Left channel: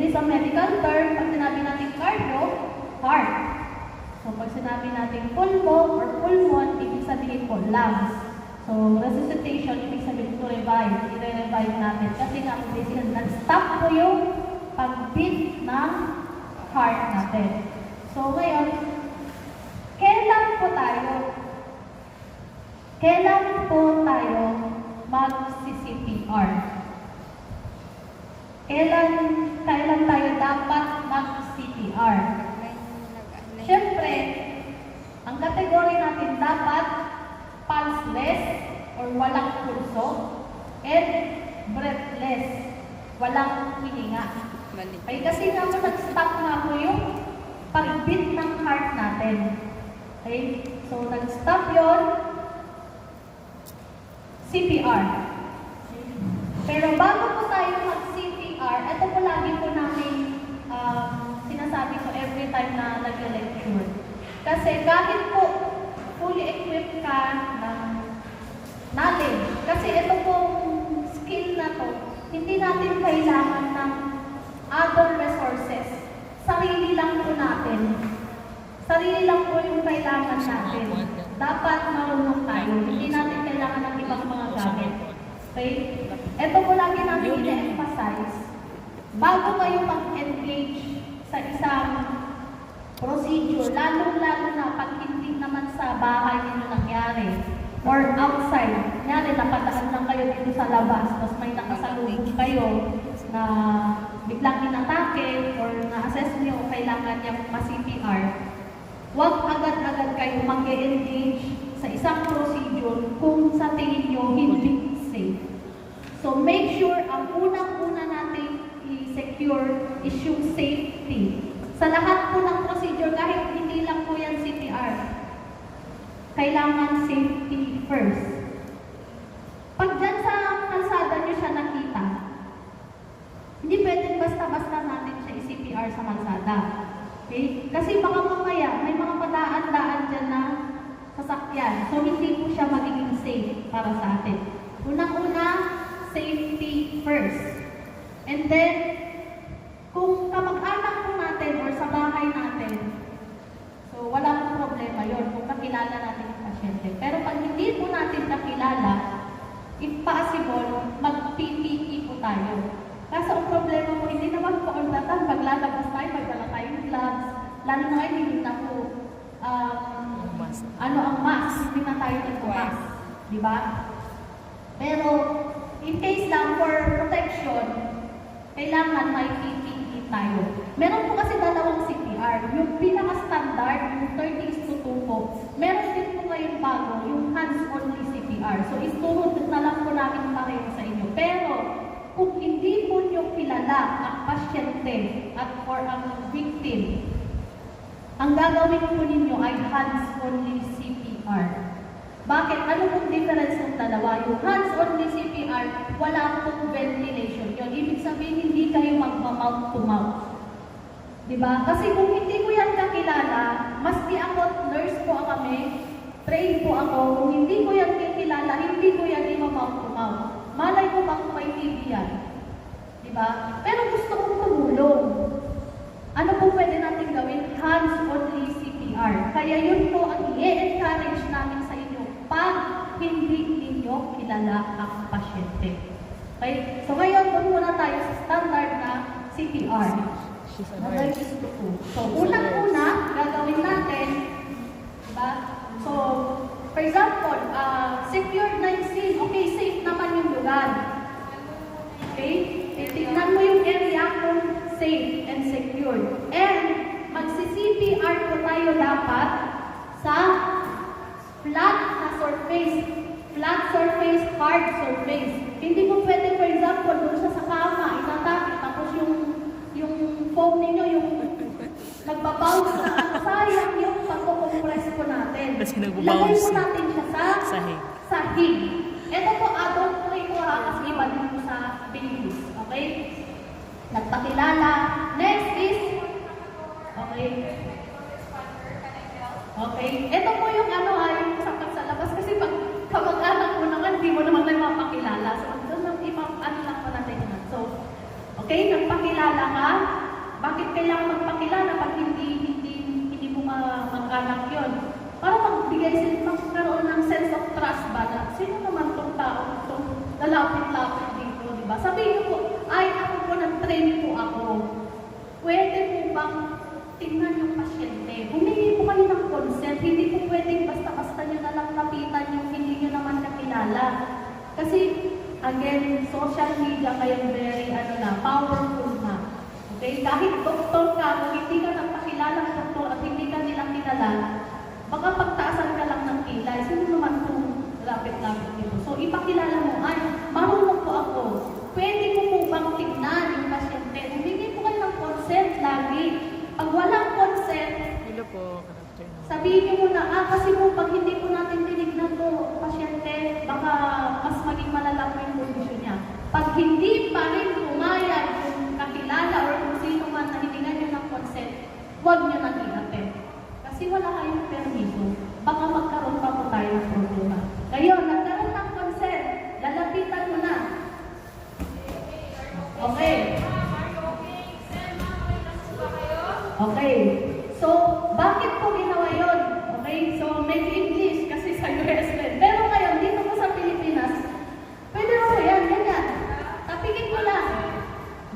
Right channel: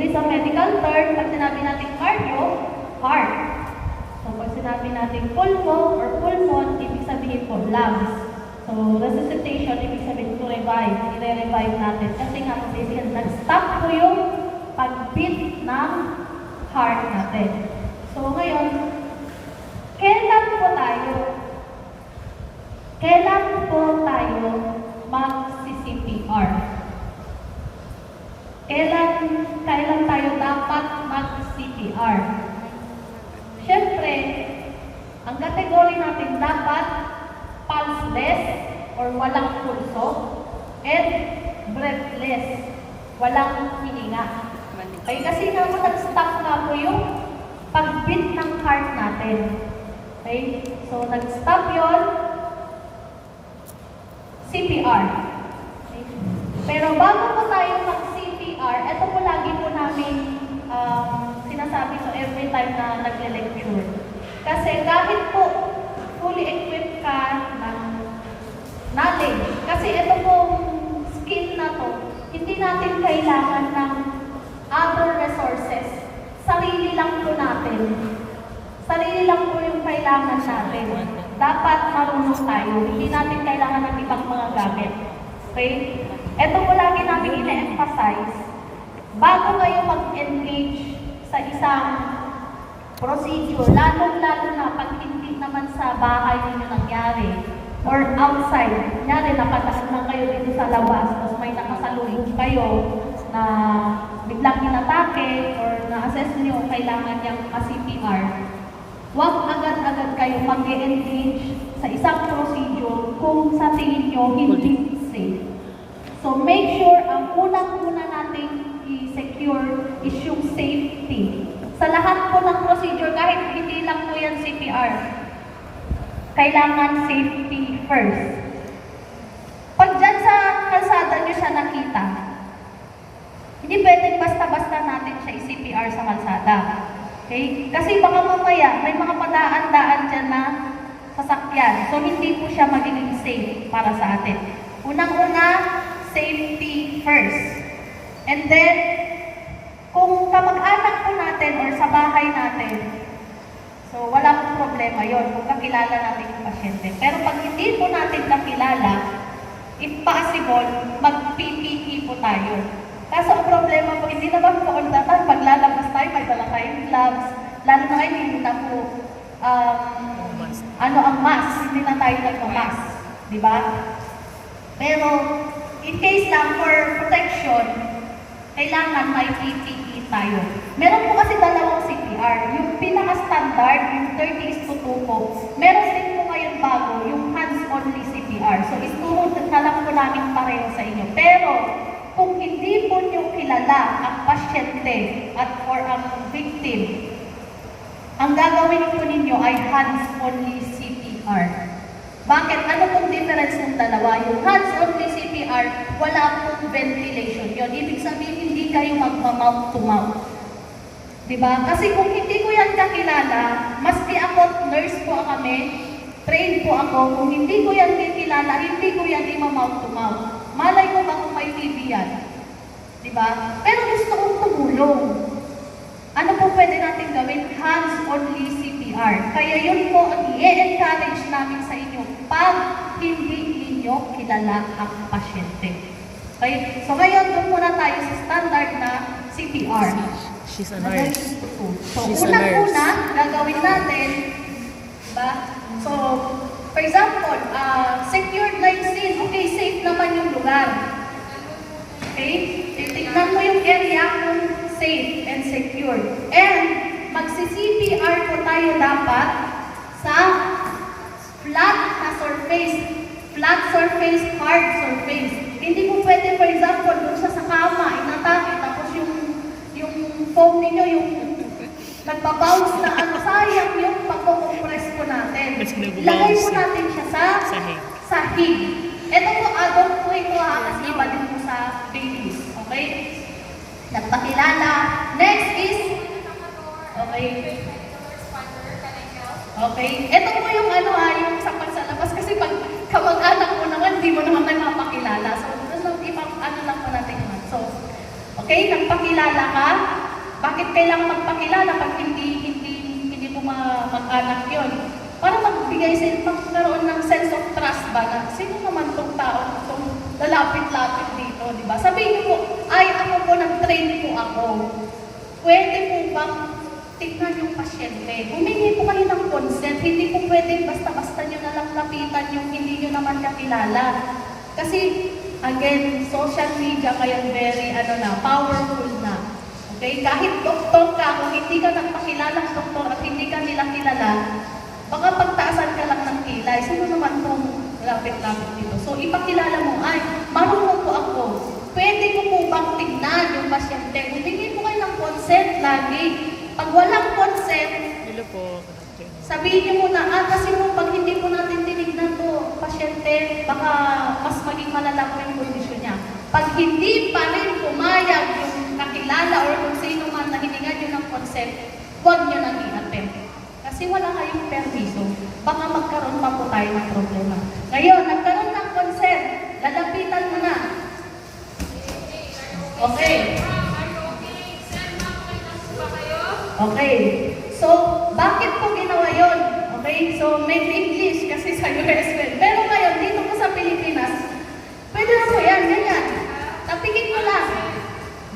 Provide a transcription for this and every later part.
It is a medical term. Pag sinabi natin cardio, heart. So, pag sinabi natin pulmo or pulmon, ibig sabihin po lungs. So, resuscitation, ibig sabihin to revive. I-revive natin. Kasi nga, nag-stop po yung pag-beat ng heart natin. So, ngayon, kailan po tayo mag-CPR? Kailan tayo dapat mag-CPR? Siyempre, ang kategory natin dapat pulseless or walang pulso and breathless, walang hininga. Okay, kasi naman nag-stop na po yung pag-beat ng heart natin. Okay, so nag-stop yon, CPR. Okay. Pero bago po tayo mag-CPR, ito po lagi po namin sinasabi so every time na nag-lecture. Kasi kahit po fully equipped ka natin, kasi ito pong skill na to, hindi natin kailangan ng other resources. Sarili lang po natin. Sarili lang po yung kailangan natin. Dapat marunong tayo. Hindi natin kailangan ng ibang mga gamit. Okay? Ito po lagi namin ina-emphasize. Bago kayo mag-engage sa isang procedure, lalong-lalo na pag hindi naman sa bahay ninyo nangyari or outside. Kunyari, napadaan lang kayo dito sa labas, tapos may nakasalubong kayo na biglang inatake or na-assess nyo, kailangan niyang CPR. Huwag agad-agad kayo mag-engage sa isang procedure kung sa tingin nyo hindi safe. So make sure ang unang-una nating i-secure is yung safety. Sa lahat po ng procedure, kahit hindi lang po yan CPR, kailangan safety first. Pag dyan sa kalsada nyo siya nakita, hindi pwedeng basta-basta natin siya i-CPR sa kalsada. Okay? Kasi baka mamaya, may mga padaan-daan dyan na sasakyan. So, hindi po siya magiging safe para sa atin. Unang-una, safety first. And then, kung kamag-anak po natin or sa bahay natin, so wala pong problema yon kung kakilala natin yung pasyente. Pero pag hindi po natin kakilala, if possible, mag-PPE po tayo. Kaso ang problema po, hindi naman po all the time, pag lalabas tayo, may dala tayong gloves, lalo na kayo, hindi na po, ang mask, hindi na tayo nagpa-mask, di ba? Pero, in case lang for protection, kailangan may PPE tayo. Meron po kasi dalawang CPR. Yung pinaka-standard, yung 30:2 po. Meron din po ngayon bago, yung hands-only CPR. So, istuhod na lang po namin pareho sa inyo. Pero, kung hindi po nyo kilala ang pasyente at or ang victim, ang gagawin po ninyo ay hands-only CPR. Bakit? Ano pong difference ng dalawa? Yung hands-only CPR, wala pong ventilation yun. Ibig sabihin, hindi kayo magma-mouth to mouth. Diba? Kasi kung hindi ko yan kakilala, maski ako, nurse po kami, trained po ako, kung hindi ko yan kakilala, hindi ko yan ima-mouth to mouth. Malay ko ba kung may TB yan? Diba? Pero gusto kong tumulong. Ano po pwede natin gawin? Hands-only CPR. Kaya yun po ang i-encourage namin sa inyo pag hindi ninyo kilala ang pasyente. Okay? So ngayon, doon muna tayo sa standard na CPR. She's a nurse. So unang-una, gagawin natin, diba? So, for example, secured line scene. Okay, safe naman yung lugar. Okay? Titignan mo yung area kung safe and secured. And magsi-CPR po tayo dapat sa flat na surface. Flat surface, hard surface. Hindi mo pwede, for example, doon sa kama, inatake, tapos yung foam ninyo, yung nagpa-bounce na sayang yung pag-compress po natin. Lagay po natin siya sa sahig. Ito po, adult po ito kasi iba din po sa babies. Okay? Nagpakilala. Next is, okay. Okay. Ito po yung yung sapat sa labas. Kasi pag kamag-anak mo naman, hindi mo naman nagpapakilala. So, doon lang ibang lang po natin yun. So, Okay, nagpakilala ka. Bakit kailangan magpakilala pag hindi mo mag-anak yun? Para magkaroon ng sense of trust ba na sino naman tong tao itong lalapit-lapit dito, di ba? Sabihin mo, ay ako po, nag-train po ako. Pwede po bang tingnan yung pasyente? Humingi po kayo ng consent, hindi po pwedeng basta-basta nyo na lang lapitan yung hindi nyo naman kakilala. Kasi, again, social media ngayon very, powerful na. Okay? Kahit doktor ka, kung hindi ka nagpakilala ng doktor at hindi ka nila kilala, baka pagtaasan ka lang ng kilay. Sino naman itong lapit-lapit dito? So, ipakilala mo, ay, marunong po ako. Pwede ko po bang tingnan yung pasyente? Humingi po kayo ng consent lagi. Pag walang consent, Hello po. sabihin niyo muna, kasi mo pag hindi po natin tinignan to, pasyente, baka mas maging malala pa yung kondisyon niya. Pag hindi pa rin pumayag yung kakilala or kung sino man na hiningan niyo ng consent, huwag niyo nang i-attempt. Kasi wala kayong permiso, baka magkaroon pa po tayo ng problema. Ngayon, nagkaroon ng consent, lalapitan mo na. Okay. Okay. So, bakit po ginawa yun? Okay, so make English kasi sa US well. Pero ngayon, dito po sa Pilipinas, pwede na po yan, ganyan. Tapikit mo lang.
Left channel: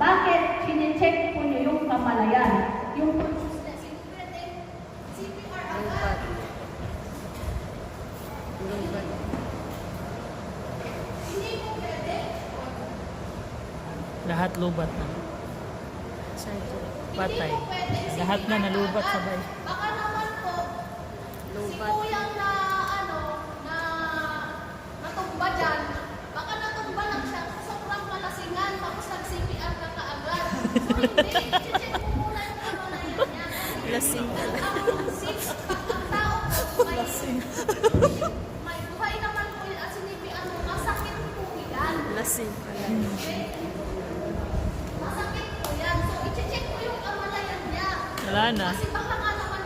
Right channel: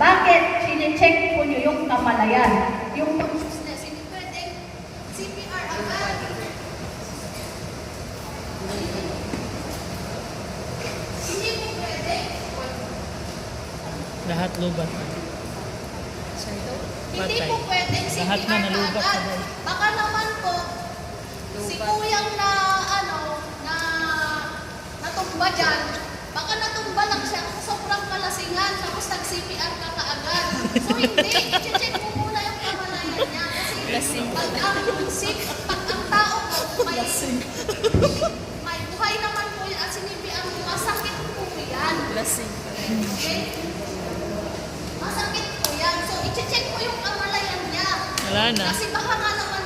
Bakit? Sine-check po nyo yung kamalayan. Yung consciousness. Hindi pwede CPR agad. Hindi po pwede. Lahat lubat na. Hindi Patay. po pwedeng CPR Lahat na nalubat agad. na daw. Baka naman po, si kuyang na natumba dyan, baka natumba lang siya kasi sobrang kalasingan, tapos nag-CPR ka kaagad. So hindi, i-check mo muna yung kamalayan niya. Kasi pag ang tao po, may buhay naman po yun at sinipiyar mo, masakit po yan. Okay? Masakit po yan. So, i-check mo yung kamalayan niya. Wala na. Kasi baka nga naman,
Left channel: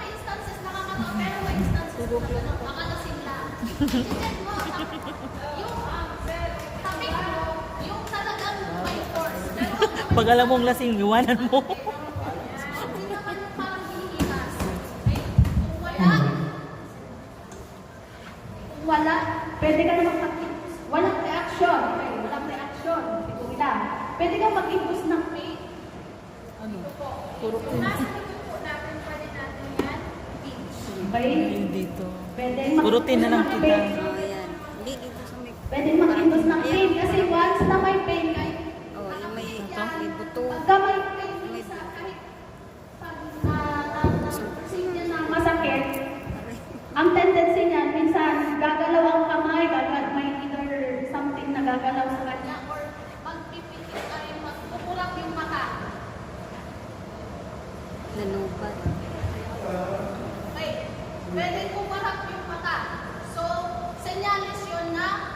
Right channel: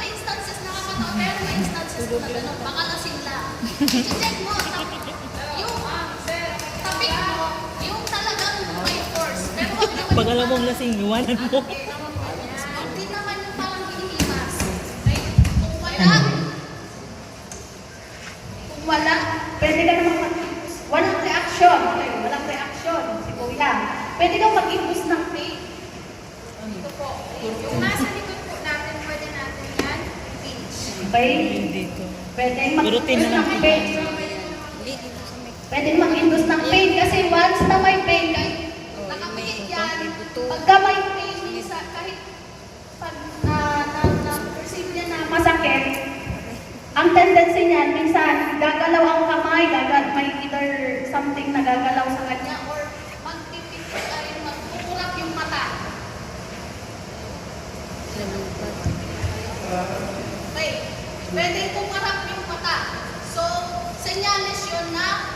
may instances nakakatawa, pero may instances na gano'n, baka lasing lang. I-check mo, yung tapik mo, yung talagang may force. Pero wag naman Pag alam mong lasing, iwanan mo. hindi naman yung parang hinihimas. Okay? Kung wala, pwede ka naman mag-impus. Walang reaction. Okay, walang reaction. Si Kuya. Pwede kang mag-impus ng pain. Dito po. Yung nasa likod po natin, pwede natin yan pinch. Okay? Dito. Pwede Gurutin na lang. ng pain. Pwede mag-indus ng pain kasi once na may pain, kahit nakapikit yan, pagka may pain, minsan kahit pag na-perceive niya na masakit, ang tendency niyan, minsan gagalaw ang kamay, may either something na gagalaw sa kanya or magpipikit ay magkukurap yung mata. Okay. Pwede kumarap yung mata. So, senyales yun na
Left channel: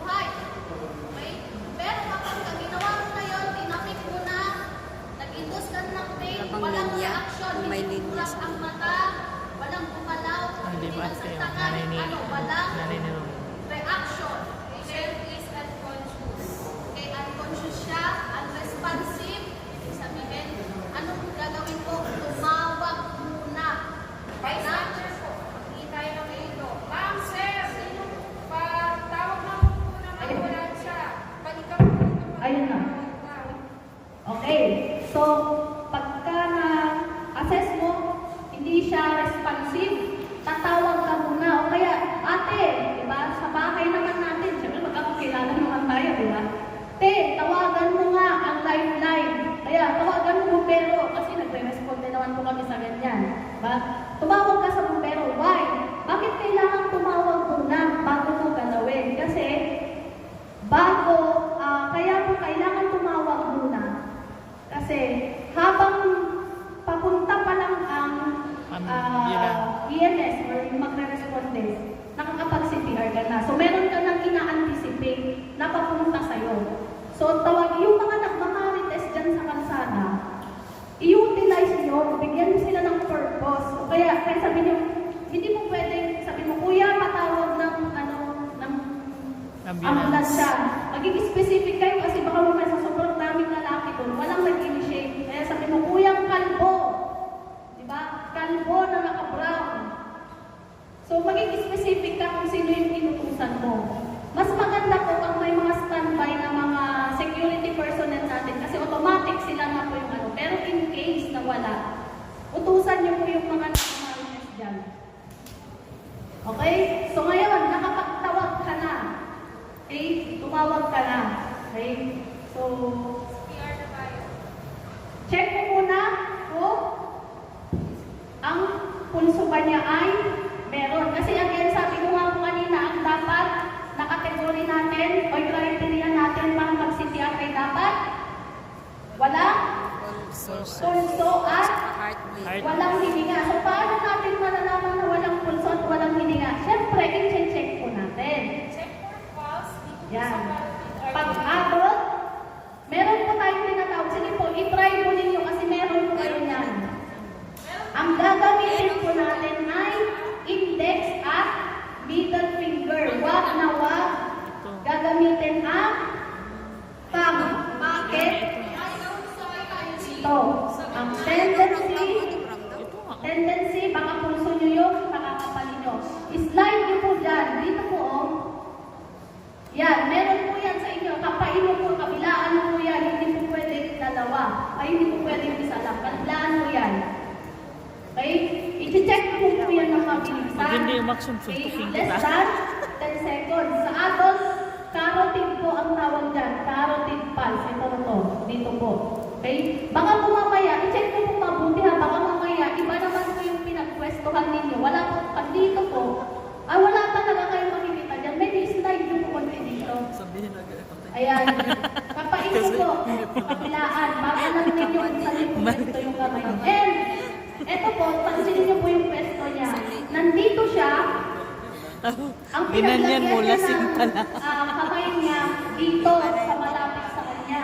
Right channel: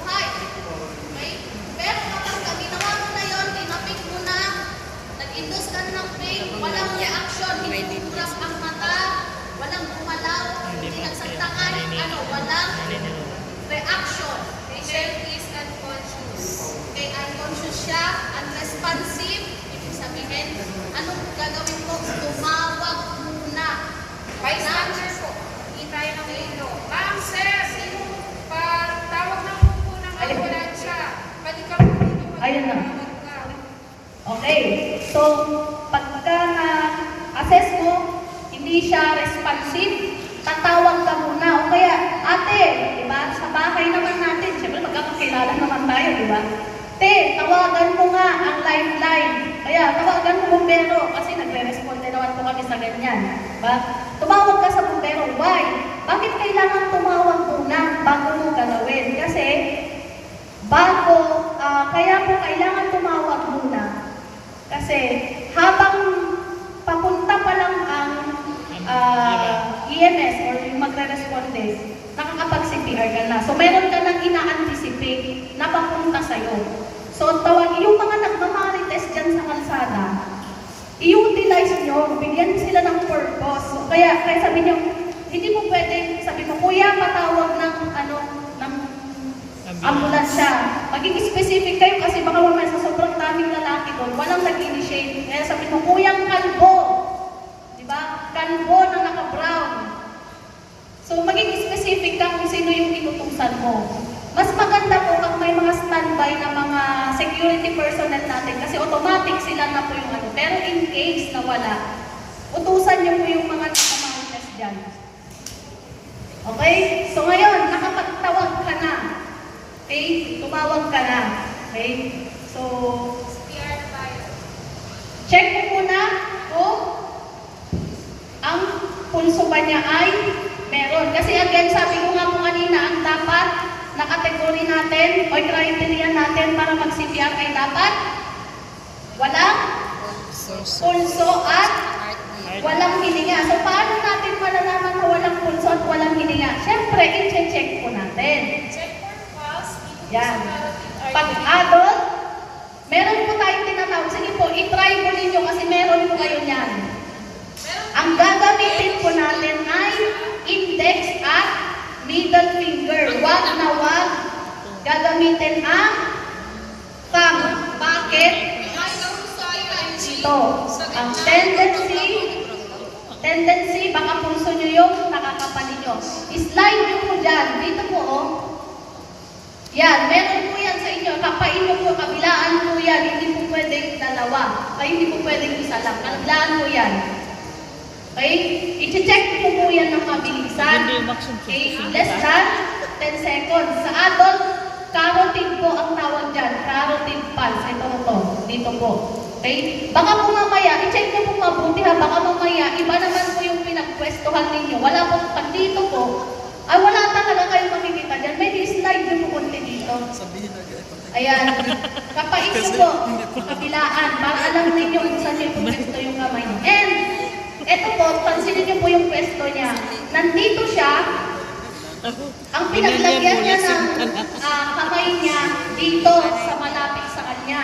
buhay. Okay? Pero kapag ginawa mo na yun, tinapik mo na, nag-induce ka ng pain, walang reaction, hindi kukurap ang mata, walang gumalaw, hindi nagsagtangan, walang reaction. Patient is unconscious. Okay, unconscious siya, unresponsive, ibig sabihin, anong gagawin ko? Tumawag muna. Bystander po. Hindi tayo ng dito. Ma'am, sir, tawag na po ng ambulansya. Pwede ka po dito. Ayun na. Okay, so pagka na-assess mo, hindi siya responsive, tatawag ka muna. O kaya, ate, di ba, sa bahay naman natin, siyempre magkakakilala naman tayo, di ba? Te, tawagan mo nga ang lifeline. Kaya, tawagan mo bumbero kasi nagre-responde naman po kami sa ganyan. Diba? Tumawag ka sa bumbero. Why? Bakit kailangan tumawag muna bago mo gagawin? Kasi, kaya po kailangan tumawag muna. Kasi, habang papunta pa lang ang EMS or yung magre-responde, nakakapag-CPR ka na. So, meron ka nang ina-anticipate na papunta sa'yo. So, yung mga nagmamarites dyan sa kalsada, i-utilize nyo, bigyan sila ng purpose. So, kaya sabi nyo, hindi mo pwede, sabi mo, kuya, patawag ng ambulansya. Maging specific kayo kasi baka mamaya sa sobrang daming lalaki ko, doon, walang nag-initiate. Kaya sabi mo, kuyang kalbo. Di ba? Kalbo na naka-brown. So, maging specific ka kung sino yung inutusan mo. Mas maganda po kung may mga standby na mga security personnel natin kasi automatic sila na po yung ano. Pero in case na wala, utusan niyo po yung mga nakamalitas dyan. Okay? So ngayon, nakapagtawag ka na. Okay? Tumawag ka na. Okay? So, PR na tayo. check mo muna kung ang pulso ba niya ay meron. Kasi again, sabi ko nga po kanina, ang dapat na kategory natin o criteria natin para mag-CPR ay dapat walang pulso at walang hininga. So, paano natin malalaman na walang pulso at walang hininga? Siyempre, i-check po natin. Check for pulse. Yan. Pag adult, meron po tayong tinatawag. Sige po, i-try po ninyo kasi meron po kayo yan. Ang gagamitin po natin ay index at middle finger. Wag na wag gagamitin ang thumb. Bakit? Ito. Ang tendency, baka pulso nyo yung nakakapali nyo. Slide nyo po dyan. Dito po, oh. Yan, meron po yan sa inyo. Kapain nyo po, kabilaan po yan. Hindi po pwedeng dalawa. Ay, hindi po pwedeng isa lang. Kabilaan po yan. Okay? I-check po po yan ng kabilisan. Hindi, maximum Okay? 50 Less than 10 seconds. Sa adult, carotid po ang tawag dyan. Carotid pulse. Ito to. Dito po. Okay? Baka po mamaya, i-check nyo po mabuti ha. Baka mamaya, iba naman po yung pinagpwestuhan ninyo. Wala po, pag dito po, ay wala talaga kayong makikita dyan. May slide nyo po konti dito. Ayan. Kapain nyo po, kabilaan, para alam ninyo kung saan nyo pwesto yung kamay. And, eto po, pansinin nyo po yung pwesto niya. Nandito siya, ang pinaglagyan niya ng kamay niya dito sa malapit sa kanya.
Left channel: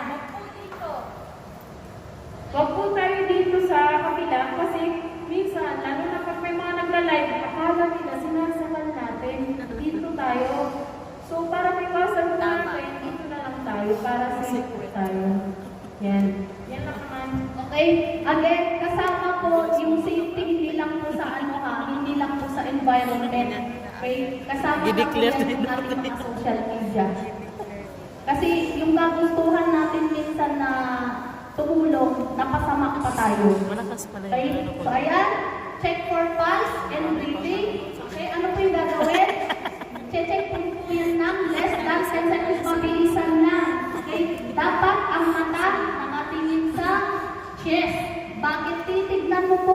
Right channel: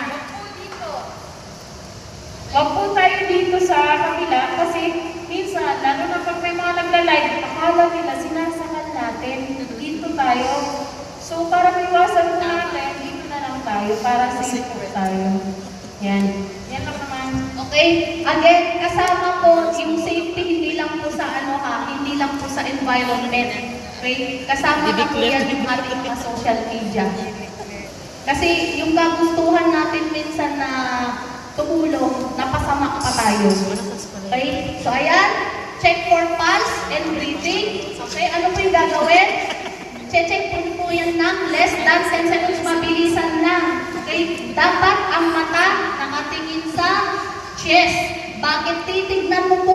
Huwag po tayo dito sa kabila kasi minsan, lalo na pag may mga nagla-live, akala nila sinasakal natin. Dito tayo. So, para maiwasan po natin, dito na lang tayo para safe po tayo. Yan. Yan lang naman. Okay? Again, kasama po yung safety hindi lang po sa ano ha, hindi lang po sa environment. Okay? Kasama na po yan yung ating mga social media. Kasi yung kagustuhan natin minsan na tumulong, napasama pa tayo. Okay? So ayan, check for pulse and breathing. Okay, ano po yung gagawin? Check po yan ng less than 10 seconds, mabilisan lang. Okay? Dapat ang mata nakatingin sa chest. Bakit titignan mo po